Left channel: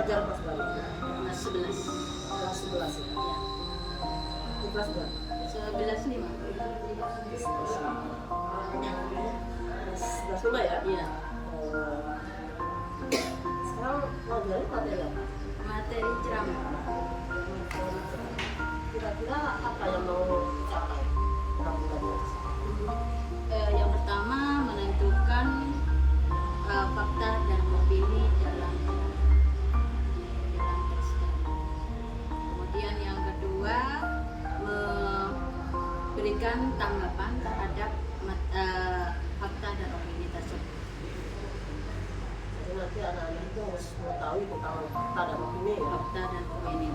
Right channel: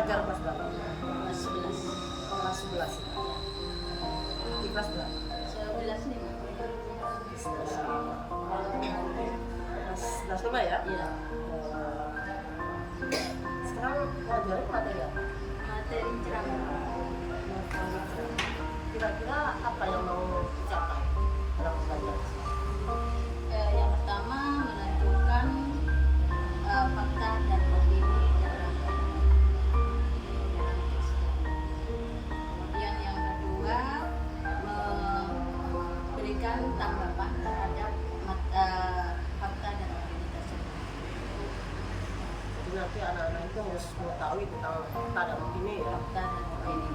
pelajar kelas berapa? Kelas 11. Kelas 11 ya? Ya. Di kelas berapa? 11 nih, Mak. Kelas 11 ya? Iya. Sekarang pelajarin materi apa? Materi ceramah. Materi ceramah. Kira-kira apa yang mau dicapai dalam pembelajaran? Yang pertama menentukan fakta dan opini dalam teks ceramah. Kemudian yang kedua memberikan tanggapan terhadap fakta dan opini tersebut. Jadi nanti anak-anak itu harus mengetahui tentang fakta dan opini ya. Fakta dan opini.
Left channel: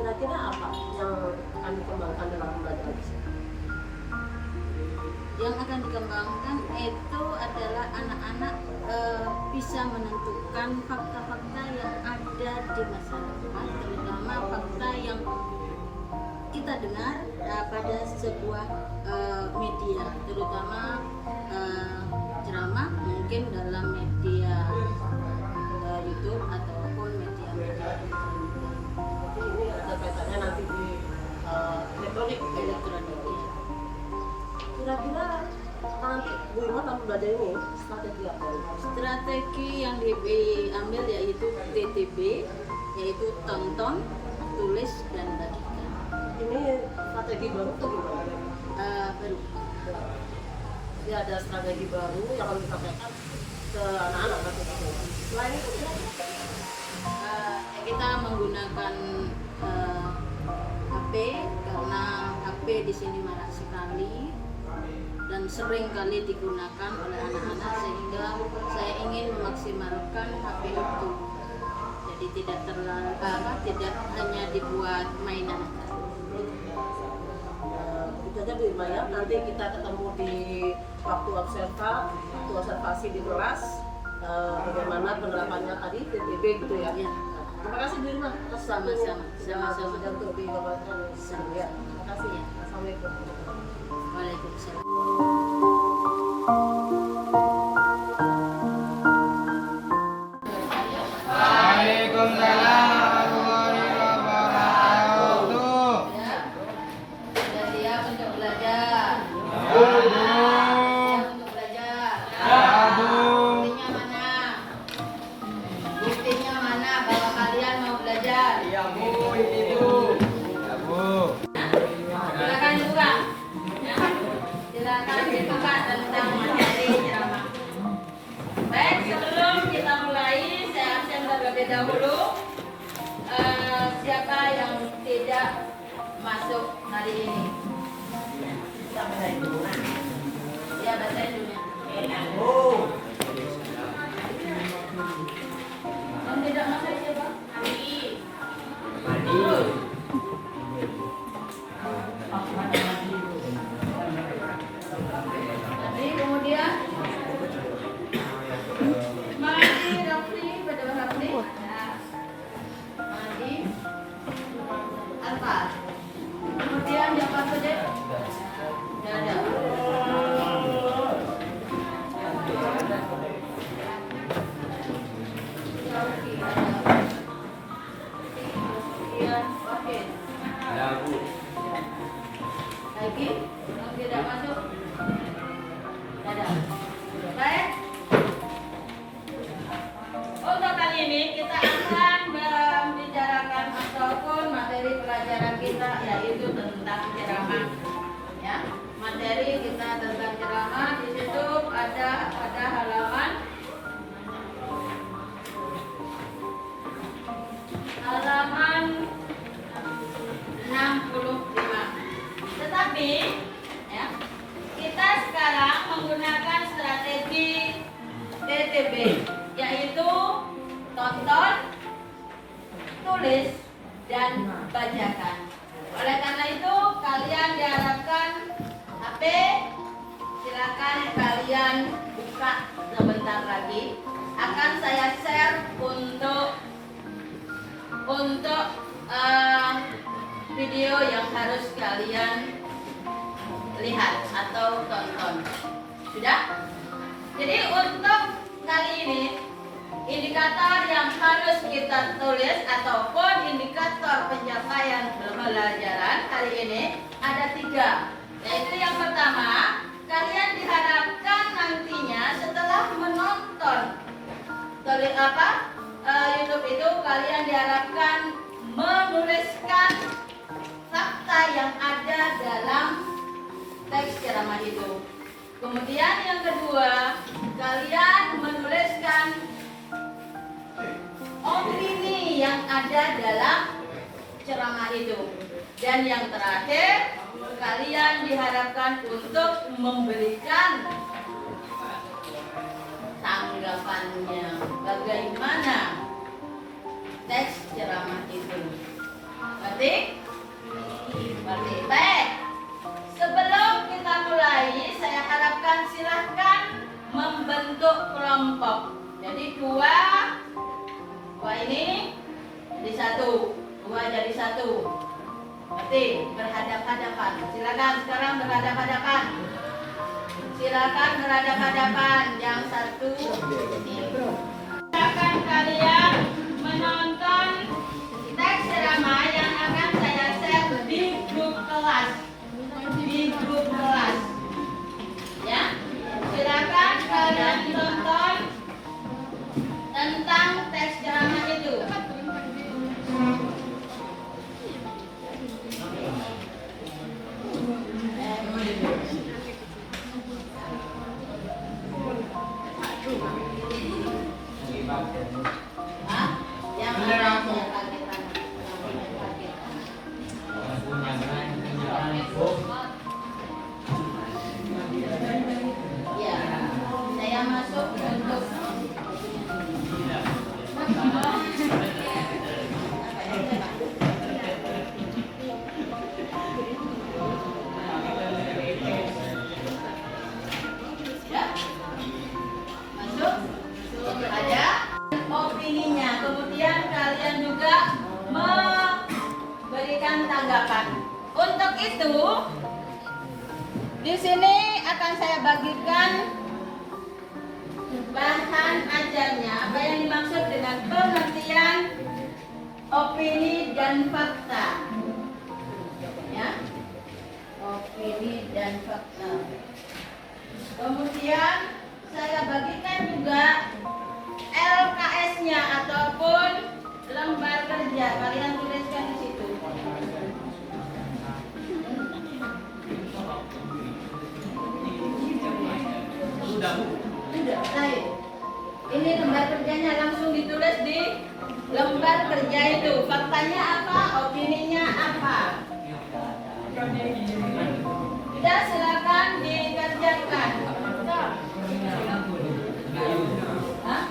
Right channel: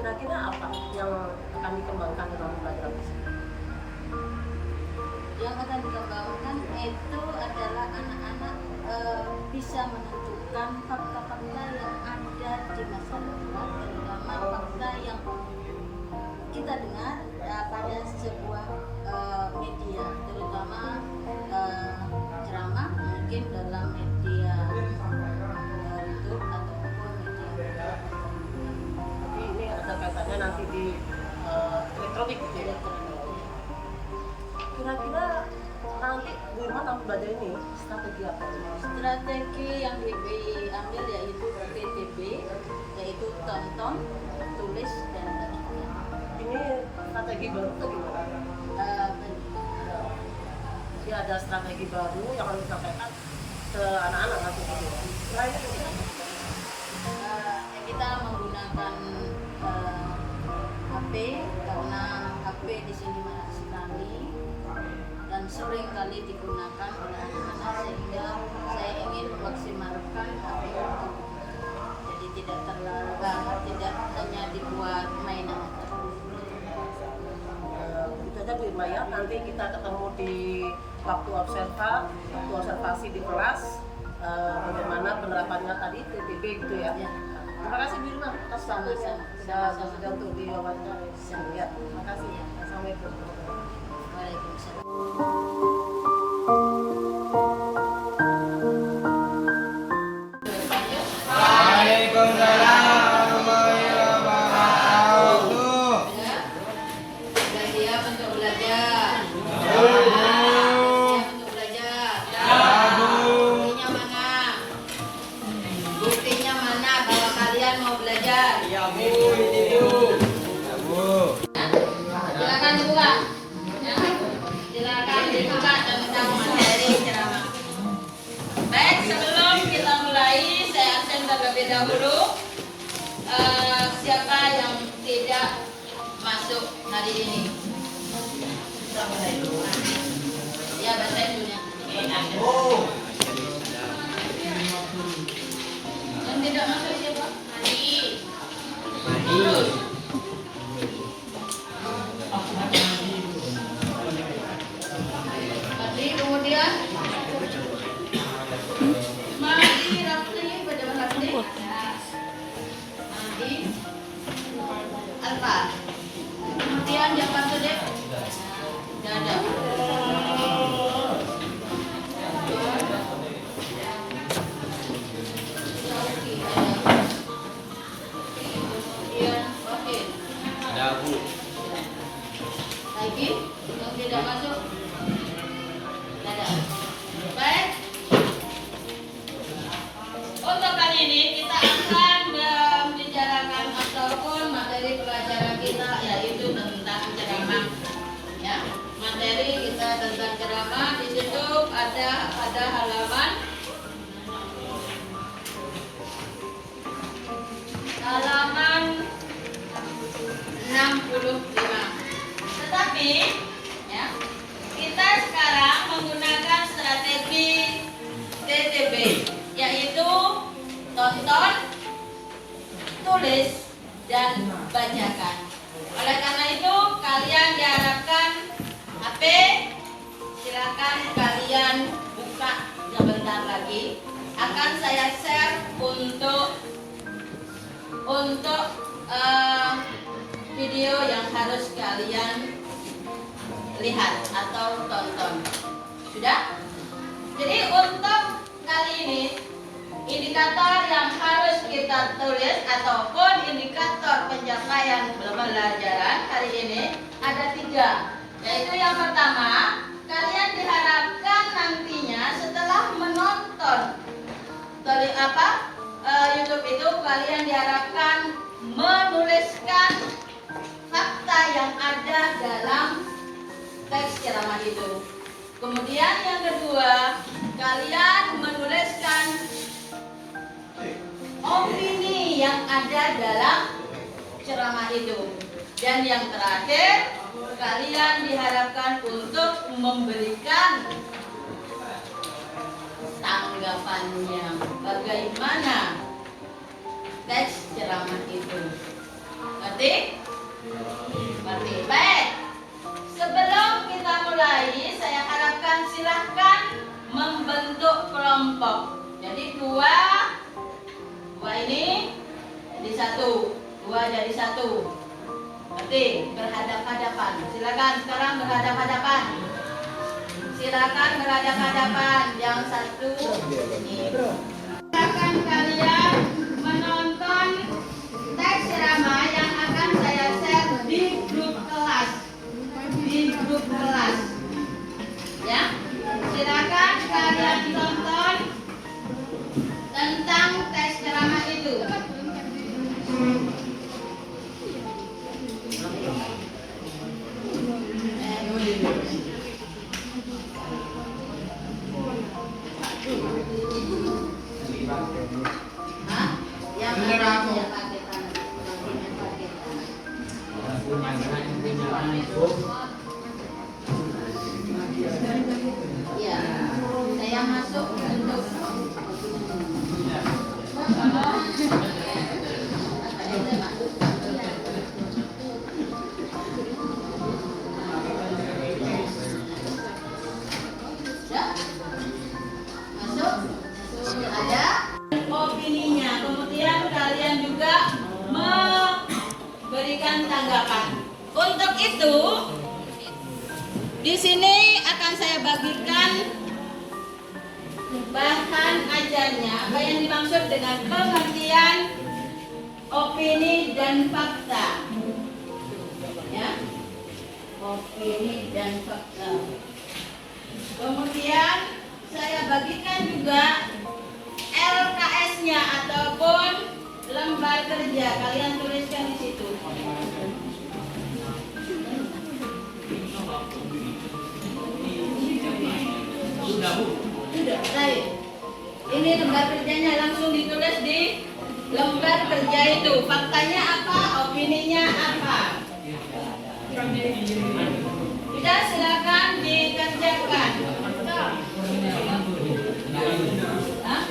Kira-kira apa yang akan dikembangkan dalam pembelajaran tersebut? Yang akan dikembangkan itu adalah anak-anak bisa menentukan fakta-fakta yang ada di masyarakat, terutama fakta yang kita dengar pada sebuah media, terutama ceramah mungkin dalam media YouTube ataupun media-media tertentu. Jadi ini ada kaitannya nanti di elektronik gitu ya? Elektronik. Kira-kira nanti Bu Irma akan belajar ini strategi apa? Strategi yang diambil yaitu TTB, yaitu tonton, tulis, dan bagikan. Ini strategi baru atau gimana? Jadi ada strategi baru yang harus disampaikan ke anak-anak nanti gitu. Selain itu kita menggunakan HP karena HP di sini marak sekali dan sering kali digunakan oleh anak-anak, sehingga saya ingin memaksimalkan HP itu. Jadi tidak terlalu tidak hanya dibuat mainan saja. itu aja Bu Irma ya. Nanti kita ketemu di waktu observasi di kelas. Bagaimana penerapannya tadi TTB gitu ya. Ya. Terima kasih Bu Irma atas waktunya sudah untuk diwawancara. Ya, terima kasih. Ya. Assalamualaikum. Waalaikumsalam. Waalaikumsalam warahmatullahi wabarakatuh. Sudah siap untuk belajar? Ya, Bu. Siap untuk belajar? Ya, Bu. Buktinya mana? Buktinya mana bahwa kalian mau belajar? Ya, Bu, ini Bu. Ya, Bu. Silakan dibuka. Silakan dibuka tentang materi ceramah. Baik, sebelum kita mulai, saya absen terlebih dahulu. Siapa yang tidak masuk hari ini? Ya, bahasa Indonesia. Yang tidak masuk siapa? Hari. Terus. Hari, kemudian Mahdi, Rafli, pada Rafli. Mahdi, Alfa. Kemudian Jafar Sodek. Tidak ada. Syauki ada. Kemudian Wakil. Ya, Bu. Lagi yang tidak masuk. Tidak ada. Baik. Untuk kali ini kita akan membicarakan ataupun materi pelajaran kita yaitu tentang ceramah. Ya, materi kita tentang ceramah di situ ada halaman 65. Tetapi ya, kita sekarang menggunakan strategi TTB, yaitu tonton, tulis, dan bacakan. Oleh karena itu kalian diharapkan HP, silakan kalian buka sebentar lagi. Akan saya share untuk video yang harus kalian lihat atau tonton. Sudah? Jadi untuk kali ini indikator yang harus kita tulis ataupun indikator pencapaian pembelajaran hari ini ada 3, yaitu yang pertama, kalian diharapkan nantinya setelah menonton dari YouTube itu, kalian diharapkan menuliskan fakta yang ada dalam teks ceramah itu. Kemudian yang kedua, kalian menuliskan opini yang ada dalam ceramah itu. Dan yang terakhir, kalian diharapkan untuk memberikan tanggapannya, bagaimana teks ceramah itu. Ngerti? Ngerti? Baik. Sebelum kita mulai, saya harapkan silahkan membentuk kelompok. Jadi dua ini jadi satu, dua jadi satu. Ngerti? Berhadap-hadapan. Silakan sekarang berhadap-hadapan. Silakan berhadap-hadapan. Yang satu ini. Silakan kalian menonton teks ceramah yang akan saya share di grup kelas. Ya, silakan kalian tonton tentang teks ceramah itu. Yang ya, saya masuk untuk masuk ada opininya. Kemudian kalian juga memberikan tanggapan. Untuk itu, di sini akan saya bagikan bahan ajarnya, apa yang dimaksud dengan pengertian opini dan fakta. Ya, opini dan fakta. Kemudian saya bagikan juga LKS-nya ataupun lembar kerja. Kalian tuliskan di situ. Baik. Ini lembar kerjanya, langsung ditulis di lembar kerja itu. Faktanya apa, opininya apa. Sudah, silakan dikerjakan. Hah?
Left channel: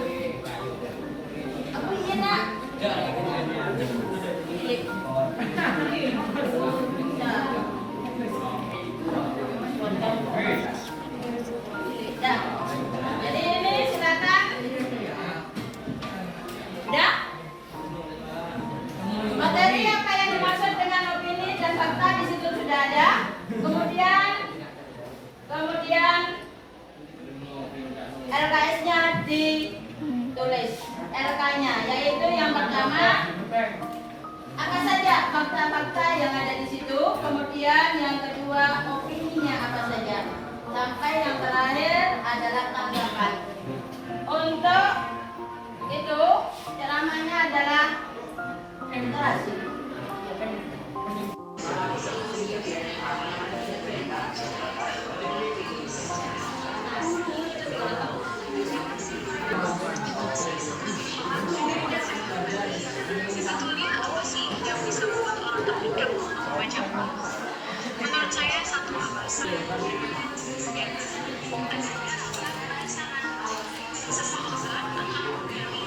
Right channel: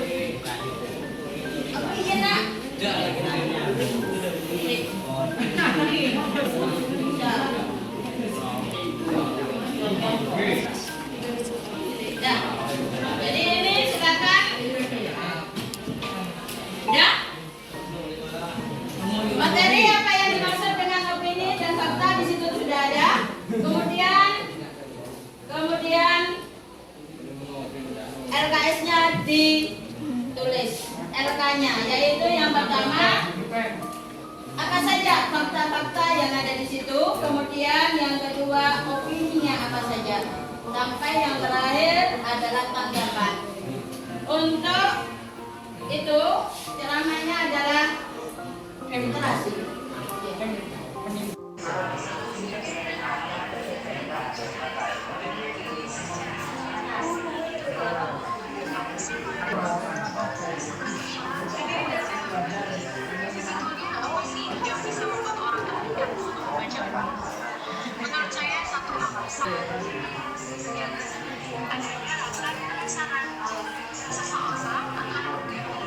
Apa iya nak? Jadi ini silakan. Sudah? Materi apa yang dimaksud dengan opini dan fakta di situ sudah ada. Kemudian LKS-nya ditulis. LK-nya yaitu yang pertama apa saja fakta-fakta yang ada di situ. Kemudian yang kedua opininya apa saja. Sampai yang terakhir adalah tanggapan. Untuk itu ceramahnya adalah literasi. Sebetulnya apa sih yang bisa membuat orang terpikat untuk membaca buku? Menurut saya satu alasan. Seseorang akan menggali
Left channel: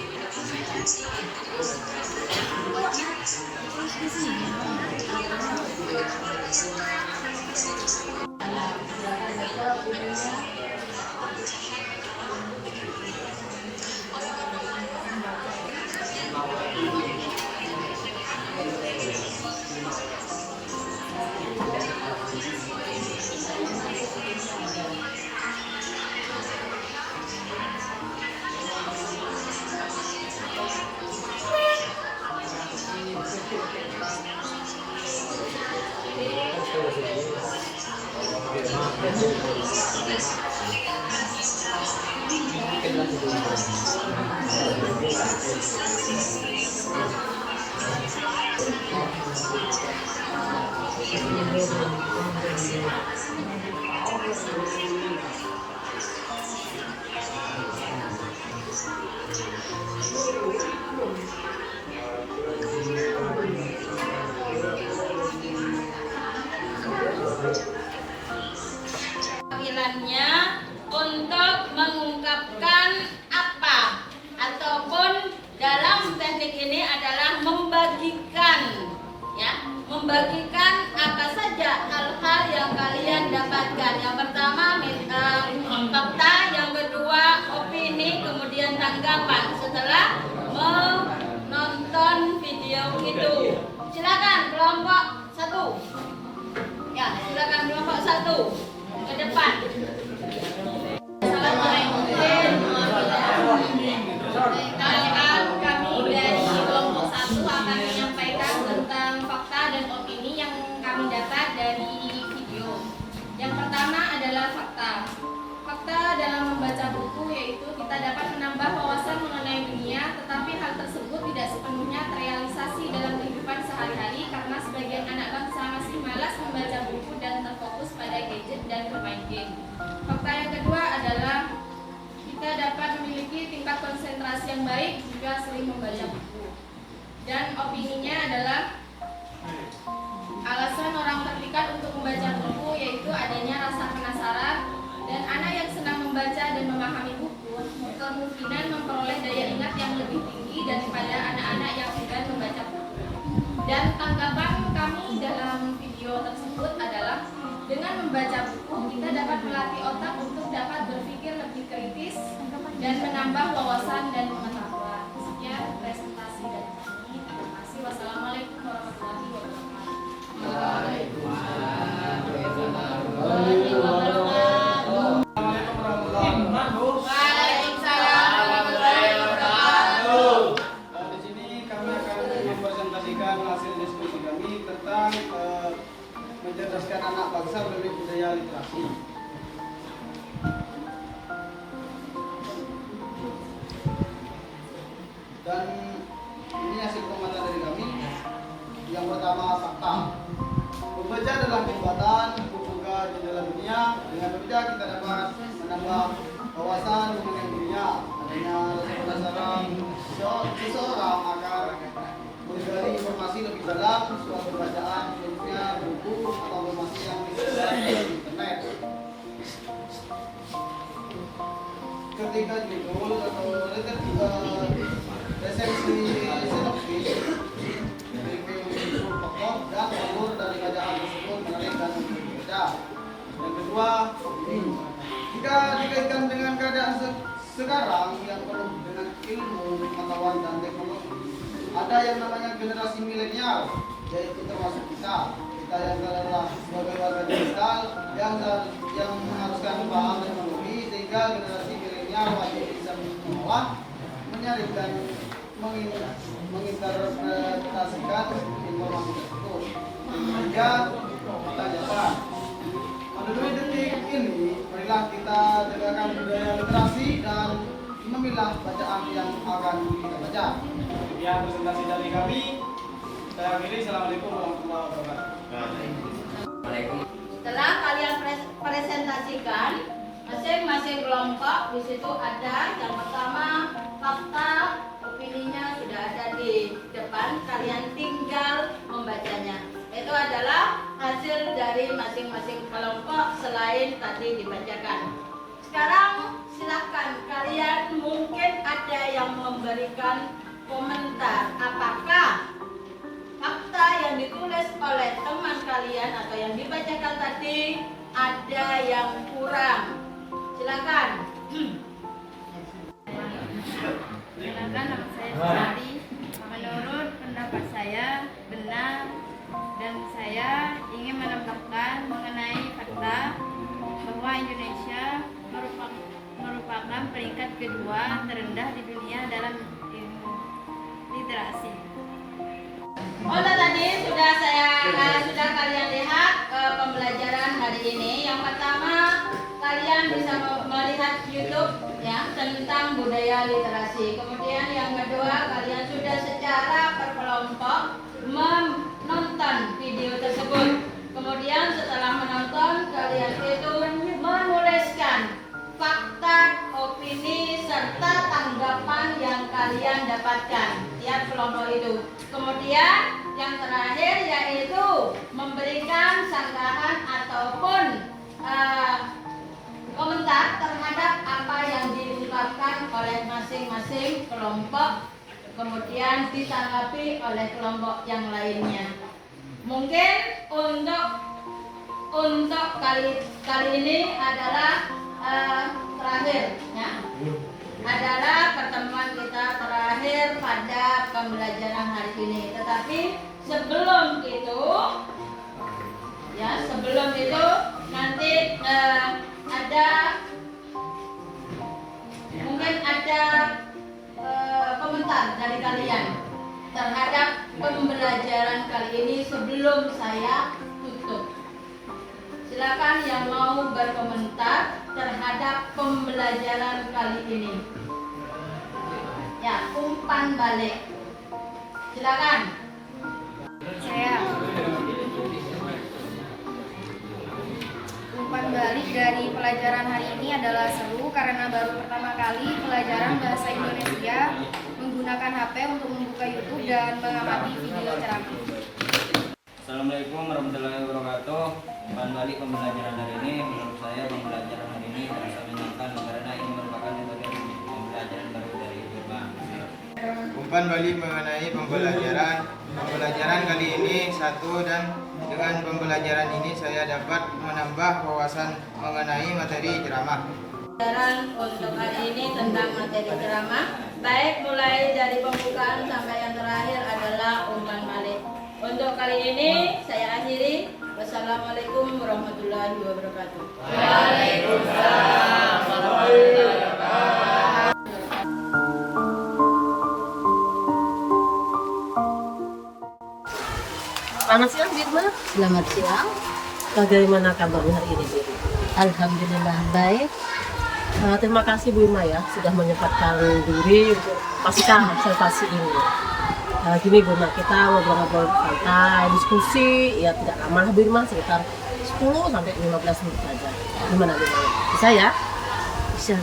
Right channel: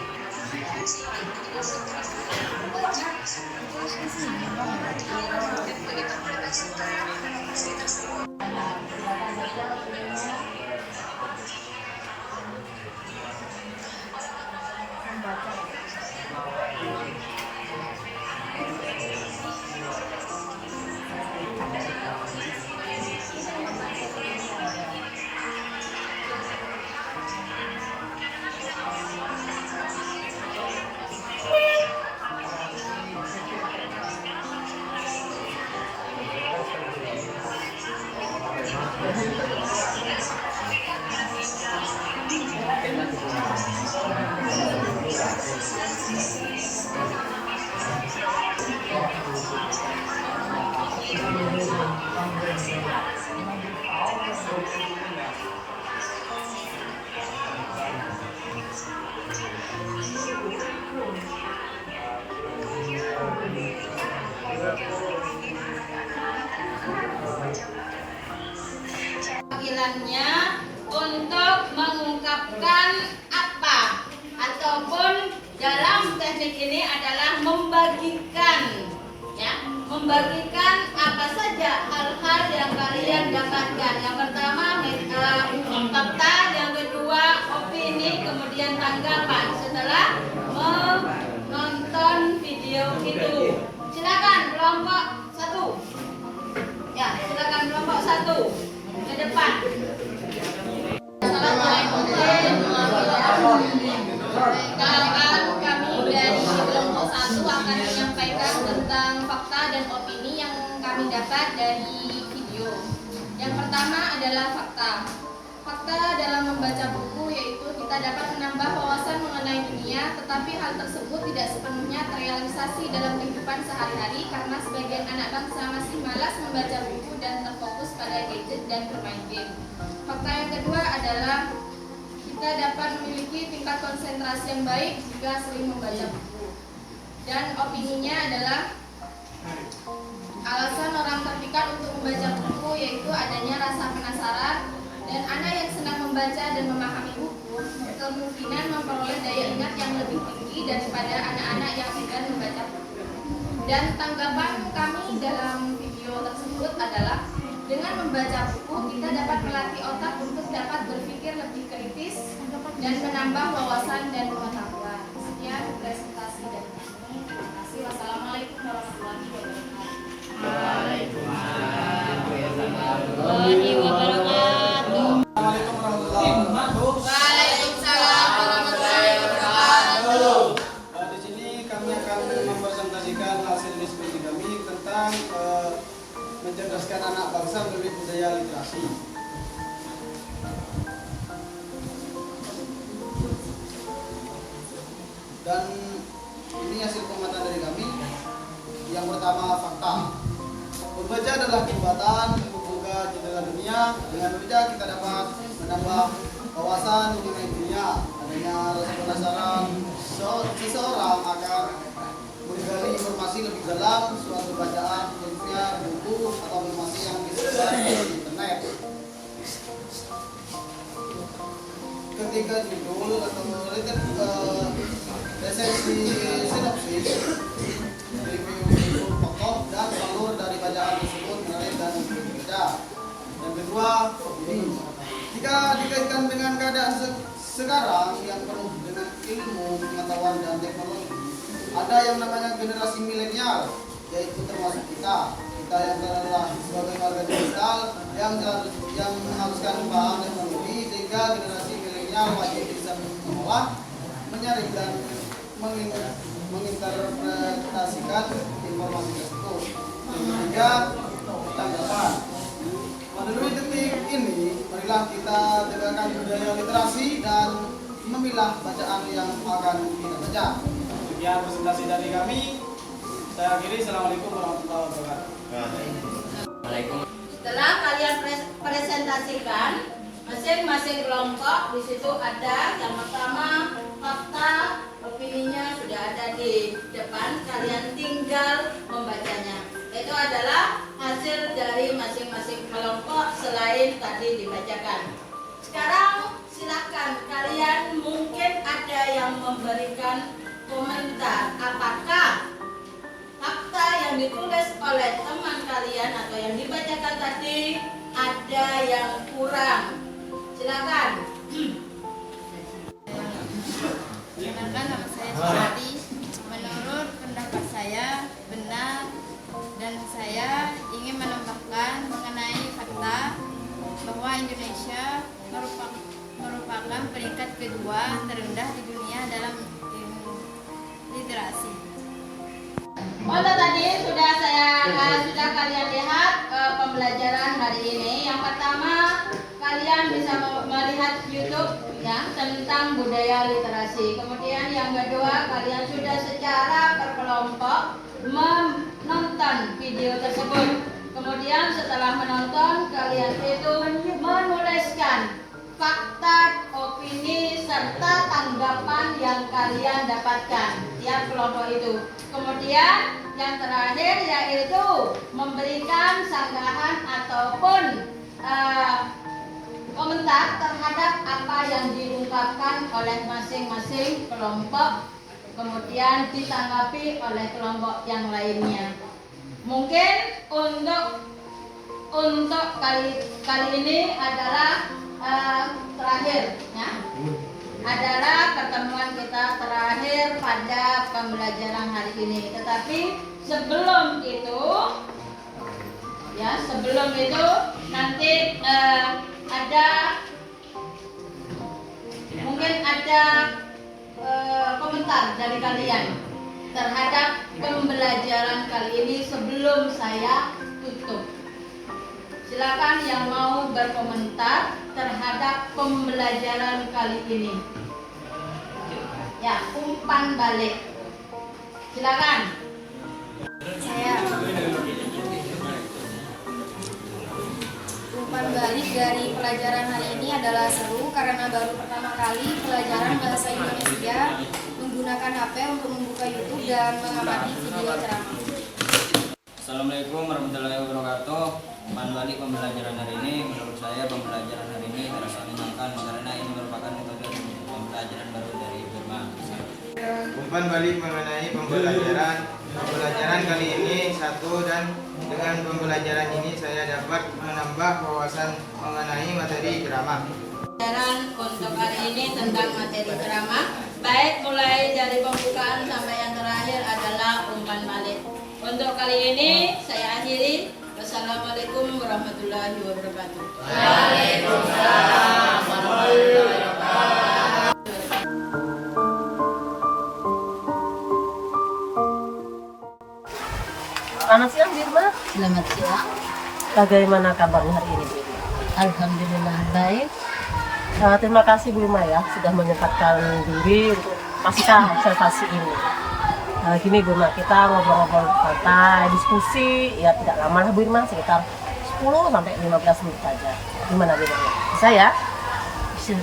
Panggilannya untuk mengungkapkan apa ataupun dalam teknik ini adalah membagikan, ya, membagikan apa saja hal-hal yang kalian dapatkan. Yang pertama fakta, yang kedua opini, kemudian tanggapan setelah menonton video itu. Silakan kelompok 1. Ya, silakan kelompok 1 ke depan. Assalamualaikum warahmatullahi wabarakatuh. Kami dari kelompok 1 akan menyampaikan tentang fakta dan opini yang kami dapat dari video. Yang pertama adalah fakta. Fakta dalam membaca buku yaitu kita dapat menambah wawasan mengenai dunia, tetapi hal tersebut tidak sepenuhnya terrealisasi dalam kehidupan sehari-hari karena sebagian anak bangsa masih malas membaca buku dan terfokus pada gadget dan bermain game. Fakta yang kedua adalah kita dapat memiliki tingkat konsentrasi yang baik jika sering membaca buku. Dan opininya adalah alasan orang terpikat untuk membaca buku yaitu adanya rasa penasaran, dan anak yang senang membaca dan memahami buku kemungkinan memperoleh daya ingat yang lebih tinggi daripada anak-anak yang enggan membaca buku. Dan tanggapan kami dalam video tersebut adalah dengan membaca buku kita dapat melatih otak untuk dapat berpikir lebih kritis dan menambah wawasan dan pengetahuan. Sekian presentasi dari kami. Terima kasih. Wassalamualaikum warahmatullahi wabarakatuh. Assalamualaikum warahmatullahi wabarakatuh. Waalaikumsalam warahmatullahi wabarakatuh. Di sini kami akan mempresentasikan hasil diskusi kami tentang mencerdaskan anak bangsa melalui budaya literasi. Dan ini hasil pengamatan dari kami. Yang pertama, fakta. Membaca adalah jembatan membuka jendela dunia. Dengan membaca kita dapat menambah wawasan mengenai dunia. Adanya rasa penasaran seseorang agar menggali informasi lebih dalam suatu bacaan, khususnya buku atau informasi yang disebar di internet. Ketika judul atau resensi sinopsis, review buku pokok dan alur dari bacaan tersebut menarik dan berbeda. Yang kedua, opini. Jika dikaitkan dengan keadaan sekarang yang penuh dengan ilmu, pengetahuan dan teknologi, ada yang namanya generasi milenial, yaitu termasuk kita yang adalah sebagai warga digital yang mengharuskan paham teknologi, sehingga generasi milenial wajib bisa mengolah, menyaring dan menginterpretasikan informasi tersebut. Yang ketiga, tanggapan. Melalui detik ini, marilah kita tegakkan budaya literasi dan memilah bacaan yang akan kita baca. Sekian presentasi dari kami. Saya akhiri. Assalamualaikum warahmatullahi wabarakatuh. Setelah kalian presentasikan masing-masing kelompok, di situ ada yang pertama fakta, opininya sudah ada di depan, kalian tinggal membacanya. Itu adalah hasil dari masing-masing kelompok selain tadi dibacakan. Sekarang silakan kalian, mungkin ada yang memberikan komentar apakah fakta yang ditulis oleh teman kalian atau yang dibacakan tadi ada yang kurang. Silakan. Perkenalkan, nama saya Sari. Menurut pendapat saya benar, dan saya ingin menambahkan mengenai fakta bahwa Indonesia merupakan peringkat kedua terendah di dunia dalam literasi. Untuk tadi sudah kalian lihat pembelajaran hari ini. Yang pertama, kalian bisa melihat YouTube ya tentang budaya literasi. Kemudian yang kedua, kalian sudah secara berkelompok menonton video tersebut. Kemudian setelah menonton, kalian itu menuliskan fakta, opini, serta tanggapan yang kalian dapatkan tiap kelompok itu. Kemudian yang terakhir yaitu memberikan sanggahan ataupun komentar terhadap apa yang diungkapkan oleh masing-masing kelompok, kemudian ditanggapi oleh kelompok yang lainnya. Mungkin untuk kali ini adalah terakhir, ya, adalah pertemuan kita terakhir pada pembelajaran hari ini. Tetapi sebelum itu nanti mungkin ada komentar dari kalian terhadap pembelajaran kali ini sebelum saya tutup. Silakan yang mau berkomentar terhadap pembelajaran kali ini. Ya, umpan balik. Silakan. Saya umpan balik dari pelajaran hari ini adalah seru karena baru pertama kali pelajaran bahasa Indonesia menggunakan HP untuk membuka YouTube dan mengamati video ceramah. Assalamualaikum warahmatullahi wabarakatuh. Umpan balik pembelajaran hari ini, menurut saya pembelajaran hari ini terasa menyenangkan karena ini merupakan metode pembelajaran baru dari Burma. Umpan balik mengenai pembelajaran kali ini satu, dan dengan pembelajaran ini saya dapat menambah wawasan mengenai materi ceramah. Pembelajaran untuk hari ini tentang materi ceramah, baik mulai dari pembukaan sampai yang terakhir adalah umpan balik. Untuk kali ini saya akhiri. Wassalamualaikum warahmatullahi wabarakatuh. Waalaikumsalam warahmatullahi wabarakatuh. Selamat siang Birma. Selamat siang. Bagaimana kabarnya hari ini Birma? Alhamdulillah baik. Terima kasih Birma ya sudah menyempatkan diri untuk pasca observasi ini. Gini Birma, kita ngobrol-ngobrol santai, diskusi, ya tidak lama lah Birma, sekitar 10 sampai 15 menit saja. Gimana Birma ya? Bisa ya? Bisa.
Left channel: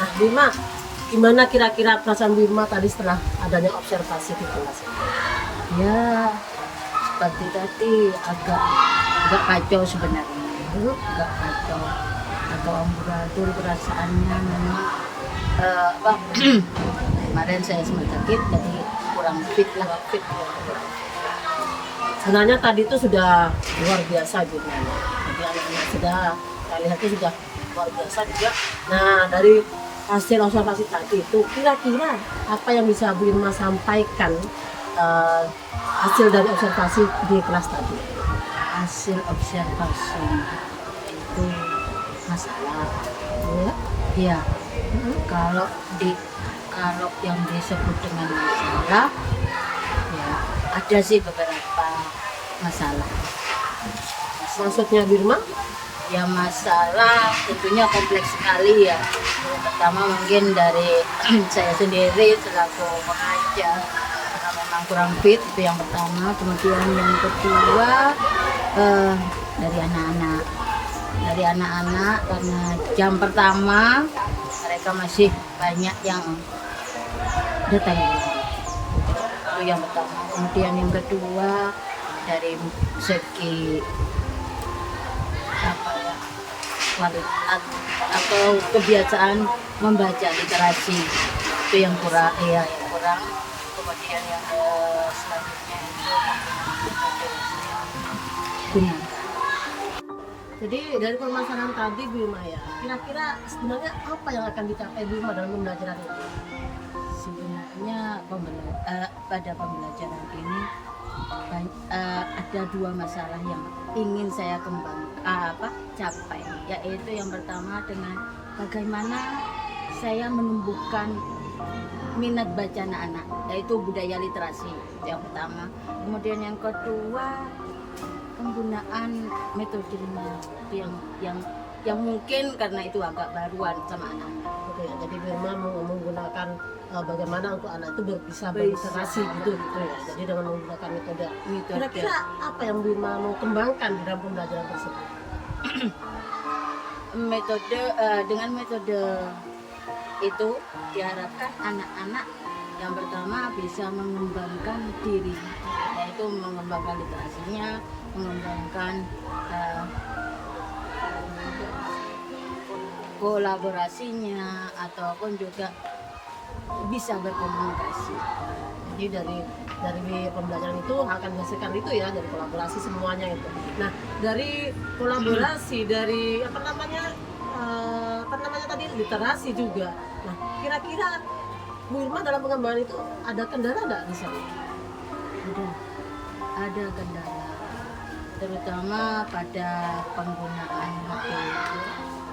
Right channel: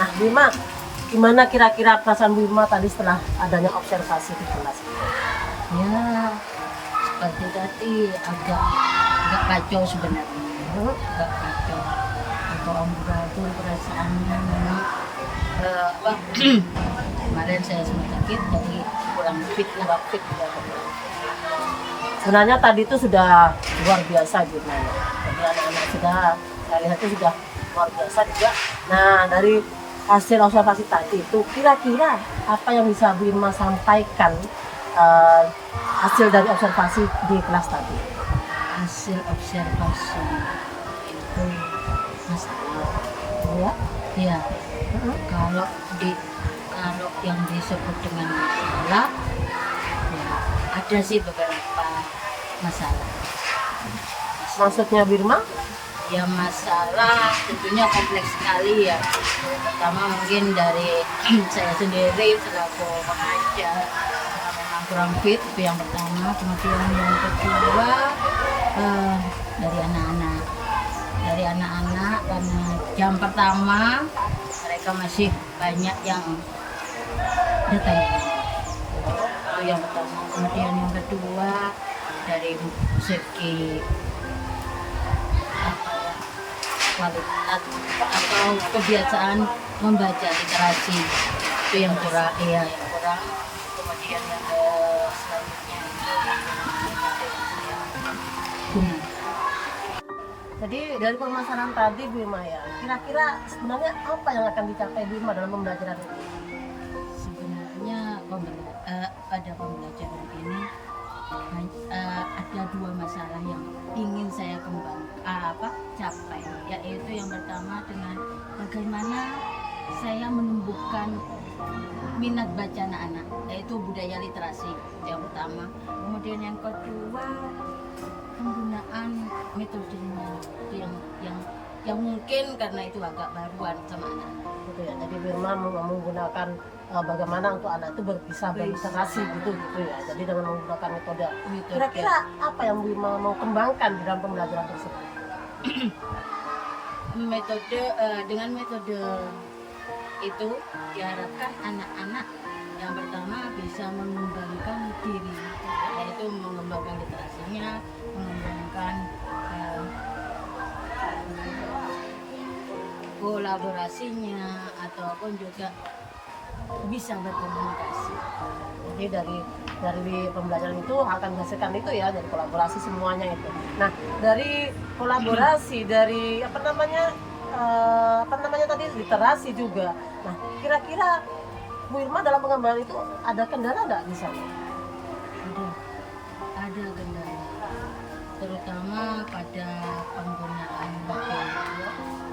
Nah Birma, gimana kira-kira perasaan Birma tadi setelah adanya observasi di kelas ini? Ya, seperti tadi agak kacau sebenarnya. Agak kacau atau amburadul perasaannya memang kemarin saya sempat sakit jadi kurang fit lah. Sebenarnya tadi itu sudah luar biasa gitu ya. Jadi anak-anak saya lihat itu sudah luar biasa juga. Nah dari hasil observasi tadi itu kira-kira apa yang bisa Bu Irma sampaikan hasil dari observasi di kelas tadi? Hasil observasi itu masalah. Ya. Ya, kalau yang disebut dengan masalah, ya ada sih beberapa masalah. Maksudnya Birma? Ya masalah tentunya kompleks sekali ya. Yang pertama mungkin dari saya sendiri selaku pengajar memang kurang fit, itu yang pertama. Kemudian yang kedua dari anak-anak. Dari anak-anak karena jam pertama mereka masih banyak yang datang. Itu yang pertama. Kemudian yang kedua dari segi kualitas atau kebiasaan membaca literasi itu yang kurang. Kemudian yang selanjutnya itu Jadi dari permasalahan tadi Birma ya, kira-kira sebenarnya apa yang akan dicapai Birma dalam pembelajaran ini? sebenarnya pada pembelajaran ini ada dua masalah yang ingin saya capai, yaitu yang pertama dengan bagaimana saya menumbuhkan minat baca anak-anak, yaitu budaya literasi yang pertama. Kemudian yang kedua penggunaan metodenya yang yang mungkin karena itu agak baruan sama anak-anak. Gitu ya. Jadi Birma menggunakan bagaimana untuk anak itu bisa berliterasi gitu ya. Jadi dengan menggunakan metode. Kira-kira apa yang Birma mau kembangkan di dalam pembelajaran tersebut? Dengan metode itu diharapkan anak-anak yang pertama bisa mengembangkan diri, yaitu mengembangkan literasinya, mengembangkan kolaborasinya, ataupun juga bisa berkomunikasi. Jadi dari pembelajaran itu akan dihasilkan itu ya, dari kolaborasi semuanya itu. Nah, dari kolaborasi, dari apa namanya tadi literasi juga. Nah, kira-kira Bu Irma dalam pengembangan itu ada kendala nggak di sana? Ada kendala, terutama pada penggunaan HP.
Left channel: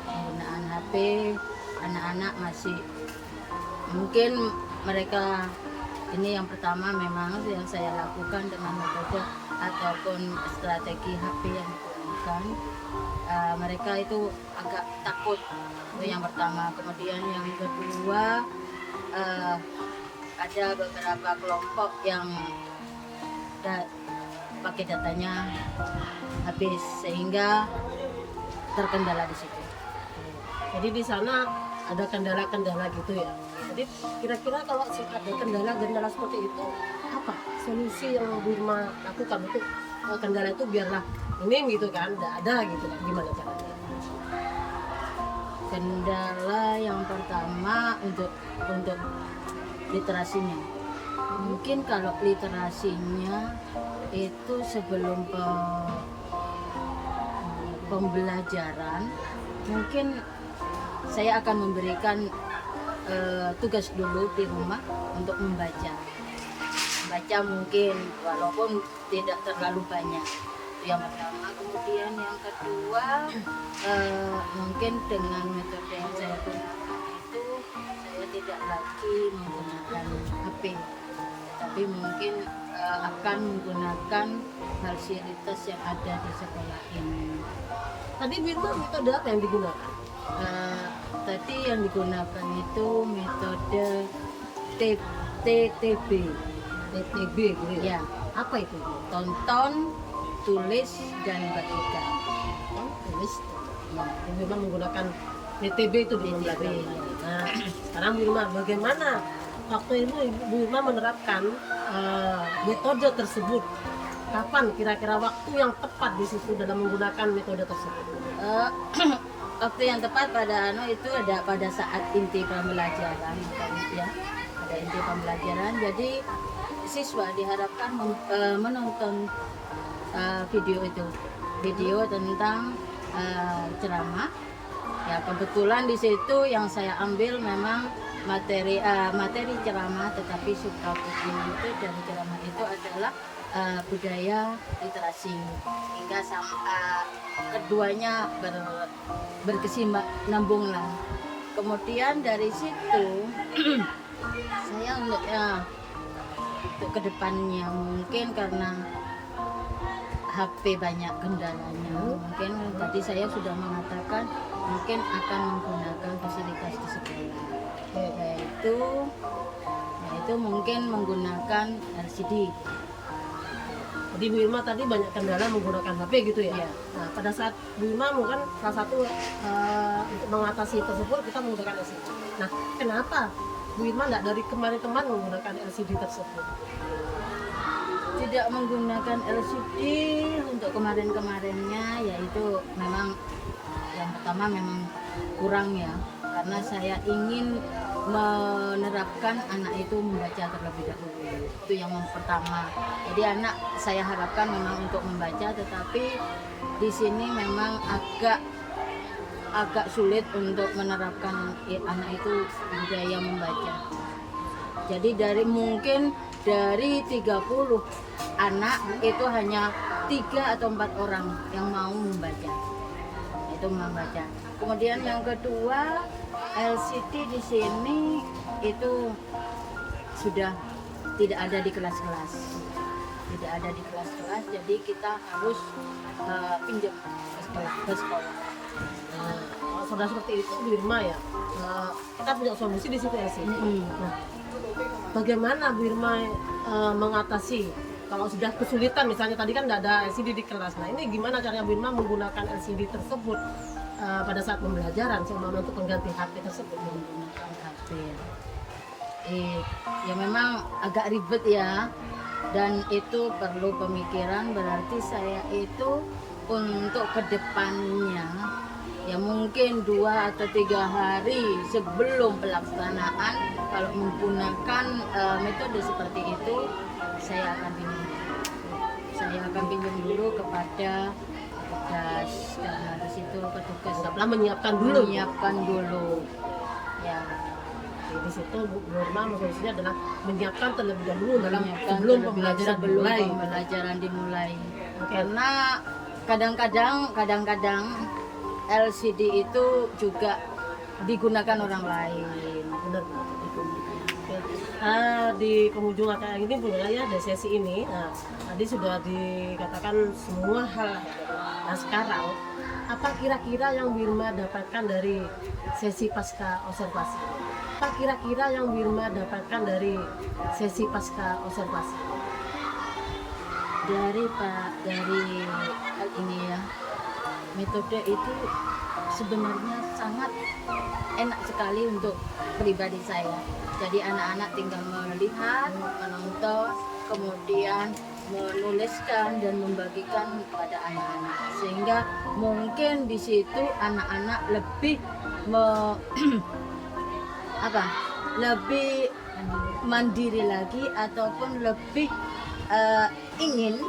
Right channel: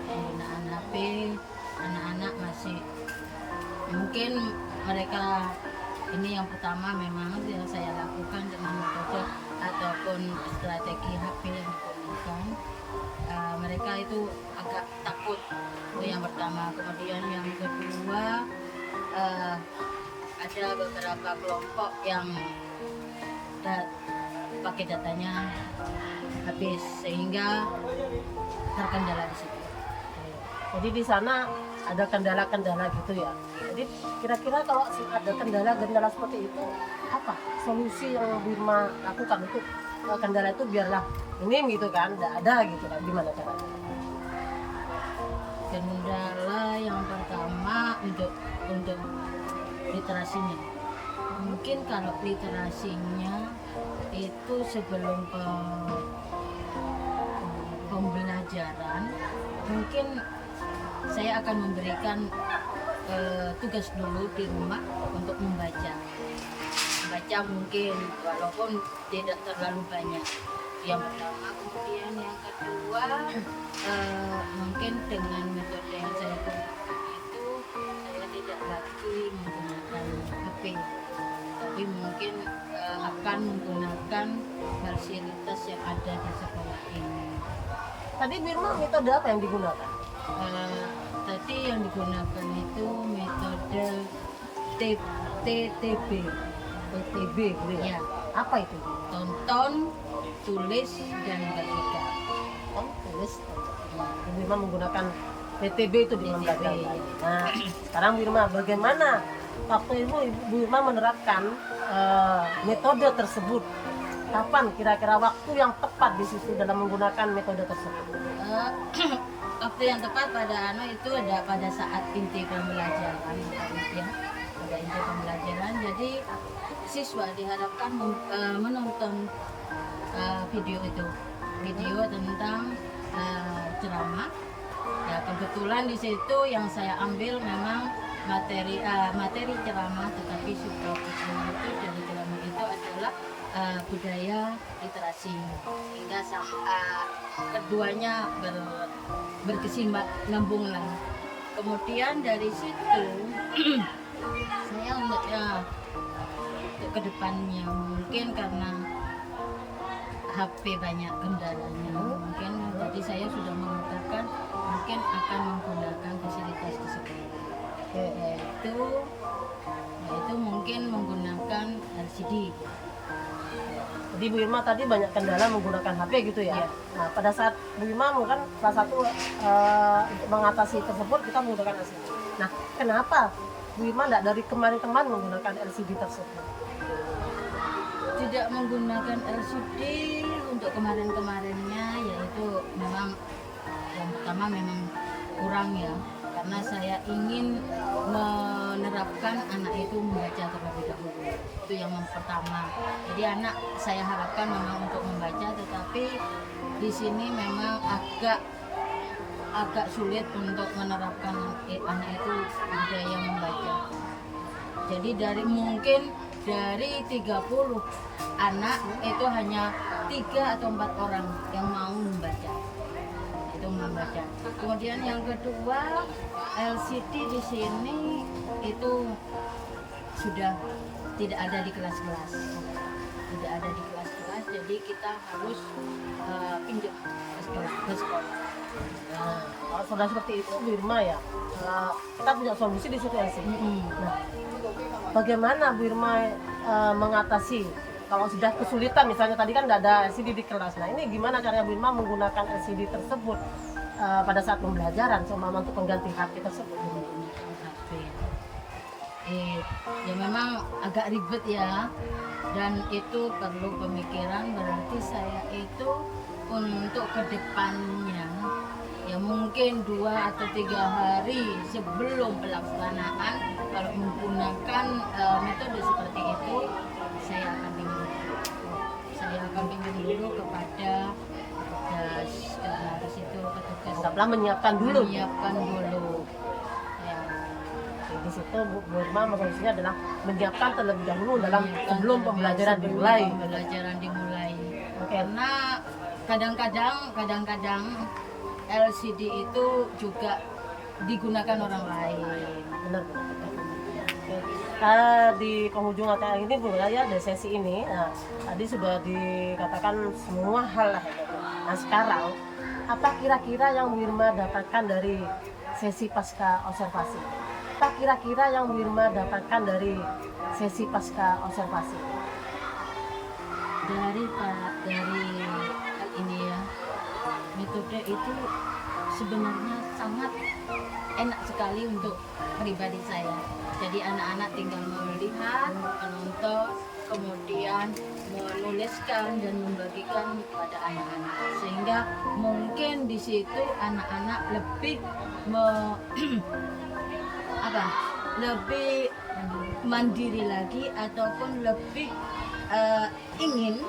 Penggunaan HP, anak-anak masih mungkin mereka ini yang pertama memang yang saya lakukan dengan metode ataupun strategi HP yang digunakan. Mereka itu agak takut, itu yang pertama. Kemudian yang kedua, ada beberapa kelompok yang pakai datanya habis sehingga terkendala di situ. Jadi di sana ada kendala-kendala gitu ya. Jadi kira-kira kalau ada kendala-kendala seperti itu, apa solusi yang Birma lakukan itu kendala itu biarlah ini gitu kan, tidak ada gitu kan, gimana caranya? Kendala yang pertama untuk literasinya. Mungkin kalau literasinya itu sebelum pembelajaran, mungkin saya akan memberikan tugas dulu di rumah untuk membaca mungkin walaupun tidak terlalu banyak. Yang pertama. Kemudian yang kedua, mungkin dengan metode yang saya gunakan itu saya tidak lagi menggunakan HP, tapi mungkin akan menggunakan fasilitas yang ada di sekolah ini. Tadi Birma metode apa yang digunakan? Tadi yang digunakan itu metode TTB gitu ya. Apa itu? Tonton, tulis, dan bagikan. Tulis. Birma menggunakan TTB itu di pembelajaran. Nah, sekarang Birma bagaimana waktu itu Bu Irma menerapkan metode tersebut? Kapan kira-kira waktu yang tepat di situ dalam menggunakan metode tersebut? Waktu yang tepat itu ada pada saat inti pembelajaran, ya, pada inti pembelajaran. Jadi siswa diharapkan menonton video tentang ceramah. Ya, kebetulan di situ yang saya ambil memang materi ceramah, tetapi subtopik itu dari ceramah itu adalah budaya literasi, sehingga keduanya berkesinambungan. Kemudian dari situ saya untuk kedepannya mungkin karena HP banyak kendalanya, mungkin tadi saya sudah mengatakan mungkin akan menggunakan fasilitas di sekolah, yaitu mungkin menggunakan LCD. Jadi Bu Irma tadi banyak kendala menggunakan HP gitu ya. Nah, pada saat Bu Irma mungkin salah satu untuk mengatasi tersebut kita menggunakan LCD. Nah, kenapa Bu Irma tidak dari kemarin-kemarin menggunakan LCD tersebut? Tidak menggunakan LCD untuk kemarin-kemarinnya, yaitu memang yang pertama memang kurang ya, karena saya ingin menerapkan anak itu membaca terlebih dahulu. Itu yang pertama. Jadi anak saya harapkan memang untuk membaca, tetapi di sini memang agak sulit untuk menerapkan anak itu budaya membaca. Jadi mungkin dari 30 anak itu hanya 3 atau 4 orang yang mau membaca. Itu membaca. Kemudian yang kedua, LCD di sini itu sudah tidak ada di kelas-kelas. Tidak ada di kelas-kelas, jadi kita harus pinjam ke sekolah. Nah, kalau sudah seperti itu Bu Irma ya, kita punya solusi di situ LCD. Nah, bagaimana Bu Irma mengatasi kalau sudah kesulitan, misalnya tadi kan nggak ada LCD di kelas. Nah, ini gimana caranya Bu Irma menggunakan LCD tersebut pada saat pembelajaran, seumpama untuk pengganti HP tersebut? Menggunakan HP. Ya memang agak ribet ya, dan itu perlu pemikiran. Berarti saya itu untuk kedepannya ya mungkin 2 atau 3 hari sebelum pelaksanaan, kalau menggunakan metode seperti itu, saya akan pinjam dulu kepada petugas, karena di situ petugas Anggaplah menyiapkan dulu. ya. Di situ Bu Irma solusinya adalah menyiapkan terlebih dahulu sebelum Sebelum pembelajaran dimulai. Pembelajaran dimulai. Oke. Karena kadang-kadang LCD itu juga digunakan orang lain. Benar. Oke. Di penghujung acara ini Bu ya, di sesi ini, tadi sudah dikatakan semua hal lah. Nah sekarang apa kira-kira yang Bu Irma dapatkan dari sesi pasca observasi? Apa kira-kira yang Bu Irma dapatkan dari sesi pasca observasi? Dari hal ini ya, metode itu sebenarnya sangat enak sekali untuk pribadi saya. Jadi anak-anak tinggal melihat, menonton, kemudian menuliskan dan membagikan kepada anak-anak, sehingga mungkin di situ anak-anak lebih lebih mandiri lagi, ataupun lebih ingin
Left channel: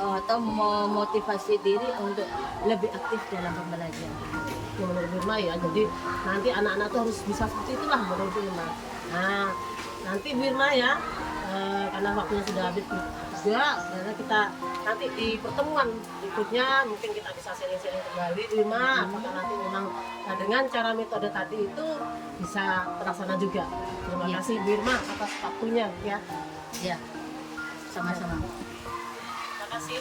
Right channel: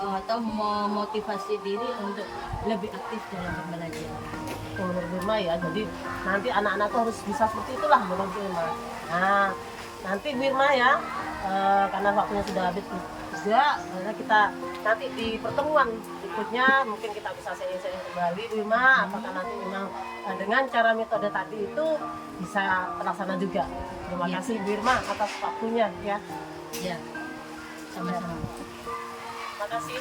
atau memotivasi diri untuk lebih aktif dalam pembelajaran. Menurut Bu Irma ya, jadi nanti anak-anak tuh harus bisa seperti itulah menurut Bu Irma. Nah nanti Bu Irma ya, karena waktunya sudah habis juga, karena kita nanti di pertemuan berikutnya mungkin kita bisa sharing-sharing kembali Bu Irma, apakah nanti memang dengan cara metode tadi itu bisa terlaksana juga. Terima Ya. kasih Bu Irma atas waktunya ya. Ya, sama-sama. Terima kasih.